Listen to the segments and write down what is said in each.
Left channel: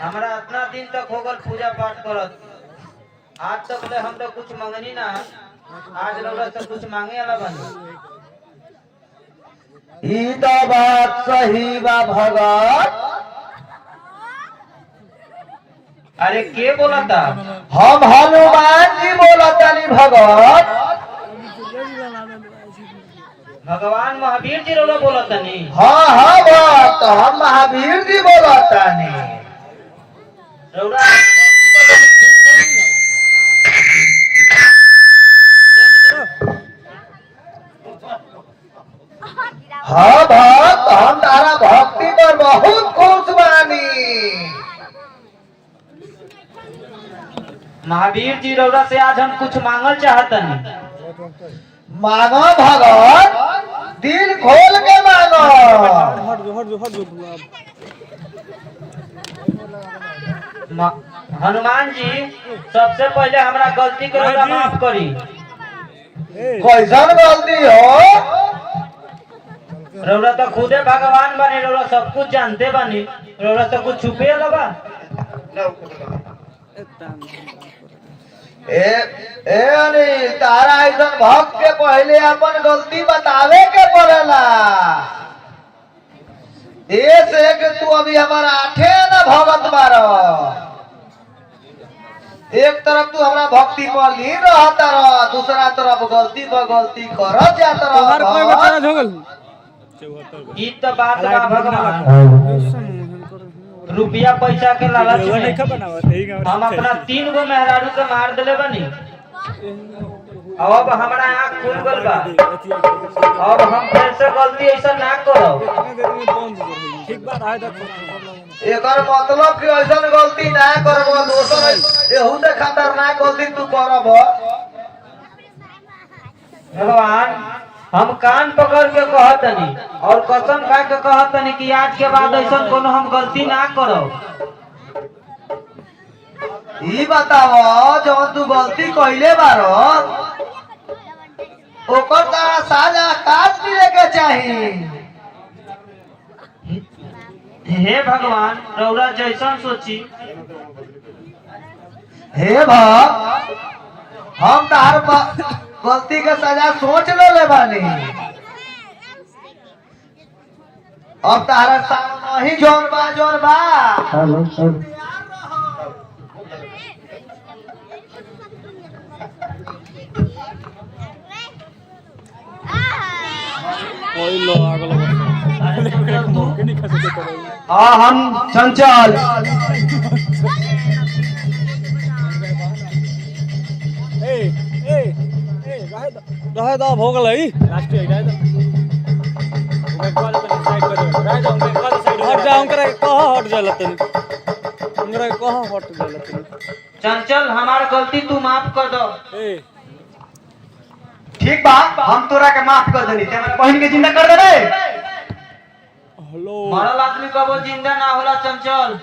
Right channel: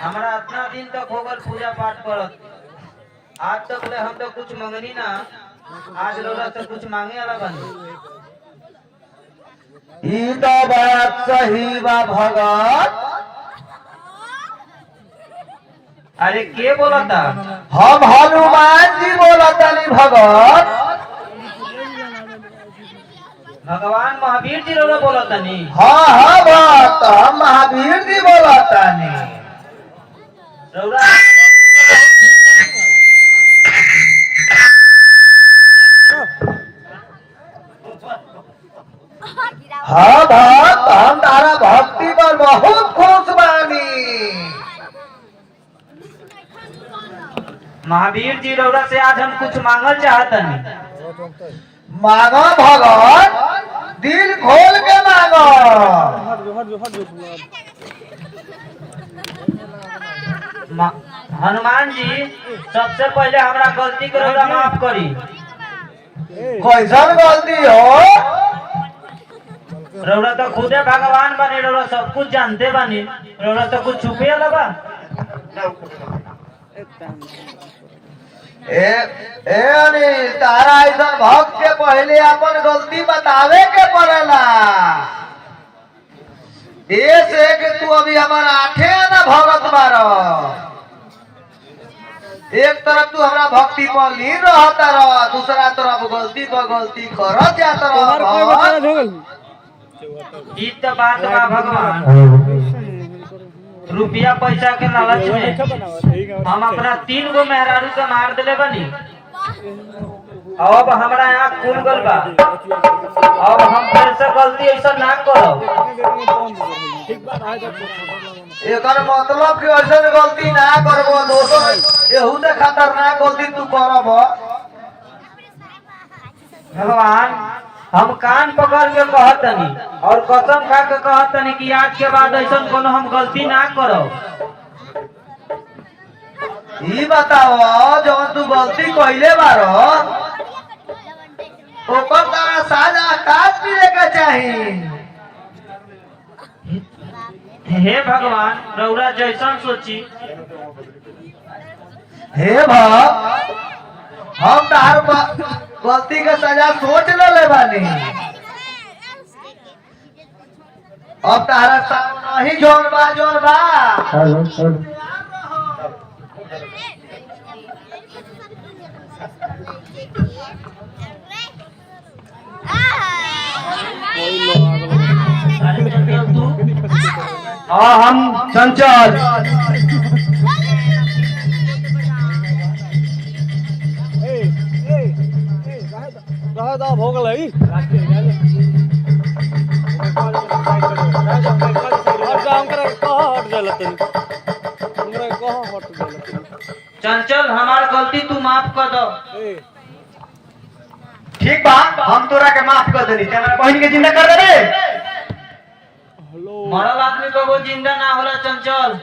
हमारा अपना दिन तक हो गल पूजा पाठ करत। आज तक ले हम तो कुछ मंगनी ना, आज लोग तो कुछ मांगे वाला बन। ई तो बात सही बा भगत। अरे के बोला था? हम हनुमान जी बोला तानी भगत। भगवान महावीर जी रोला बोला था नी। हाँ हाँ बात हम महावीर जी बोला तानी। रौरा हाँ भक्त हम तारा भक्ति पर बहुत खुश बानी। महावीर जी रौरा से आज हम कुछ मांगल चाहता नहीं। मांगो भगत, दिल खोल के मांगो। हनुमान जी सबसे पहले हमारा गलती के रौरा माफ करी। कैसन गलती हो? रौरा तो खुदे भगवान बने, रौरा सब कुछ जानते बनी, रौरा तो कुछ छुपे लगा। ए तारा ऐसा भक्त के पहले अपन गलती बतावे के पड़ेला। ऐसे कि तू अभी हमारा आठे ना भगत बारो। एक तरफ तू हमारा भक्ति पर लीन रहता रह, दूसरा तरफ गलती पर गलती करत जाता रह। ई तो बात बा भगवान, रुपया पैसा के लालच में हम अपना 3 गो मेहरारू के मार दिले बनी। अब हमारा यहाँ खुल गल बा, अब हम फिर से गलती ऐसा ना करब। एकर मतलब कि ऐसा गलती ना करबो, दोसर एहू से खतरनाक गलती तू करब। भगवान हम कान पकड़ के कहतनी और कसम खा के कहतनी कि आज के बाद ऐसा कोनो हम गलती ना करब। ई बताओ जो तू गलती कइले बारो ओकर तारा साजा काट दिए के चाही। हे भगवान रौरा जैसन सोची। हे हम तार गलती के सजा सोच ले बानी। अब तारा सामने नहीं जोर बा। हाँ हम चंचल। हो गई चंचल हमार गलती तू माफ कर दो। ठीक बा, हम तोरा के माफ कर देनी। तेरा बहन के जिंदा कर दे। मरल आदमी कबो जिंदा ना होला चंचल।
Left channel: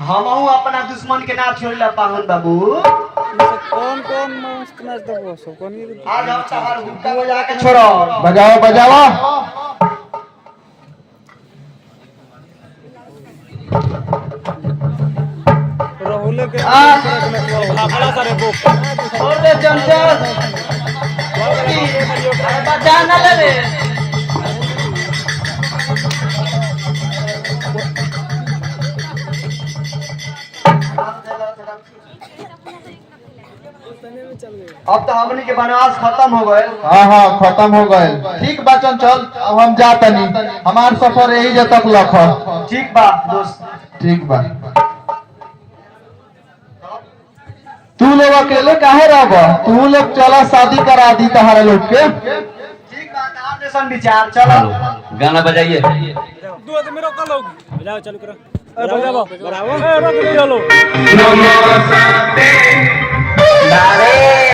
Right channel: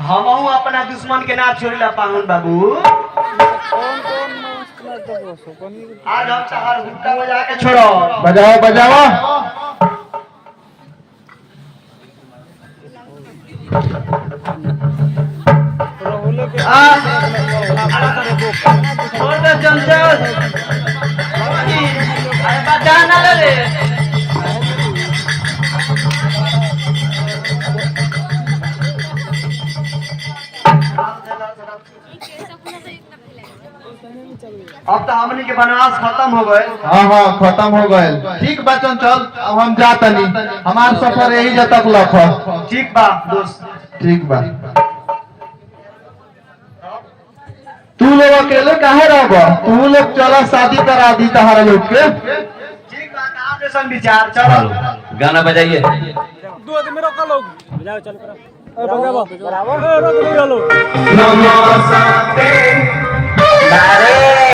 हमहू अपना दुश्मन के ना छोड़ला पाहुन बाबू। कौन मस्त नाच देखो सो कौन आज हम तहार हुक्का बजा के छोड़ो। बजाओ बजाओ। राहुल के और तो चंचल अरे बचा ना ले रे। अब तो हमनी के वनवास खत्म हो गए। हाँ हाँ खत्म हो गए। ठीक बा चंचल, अब हम जाता नहीं। हमार सफर यही जब तक लख। ठीक बा दोस्त। ठीक बा। तू लोग अकेले काहे रहबो? तू लोग चला शादी करा दी तहारा लोग के। ठीक बा, काम जैसन विचार। चलो गाना बजाइए। 2 आदमी रोका लोग बजाओ चालू करो। बजाओ बराबर रोक लो।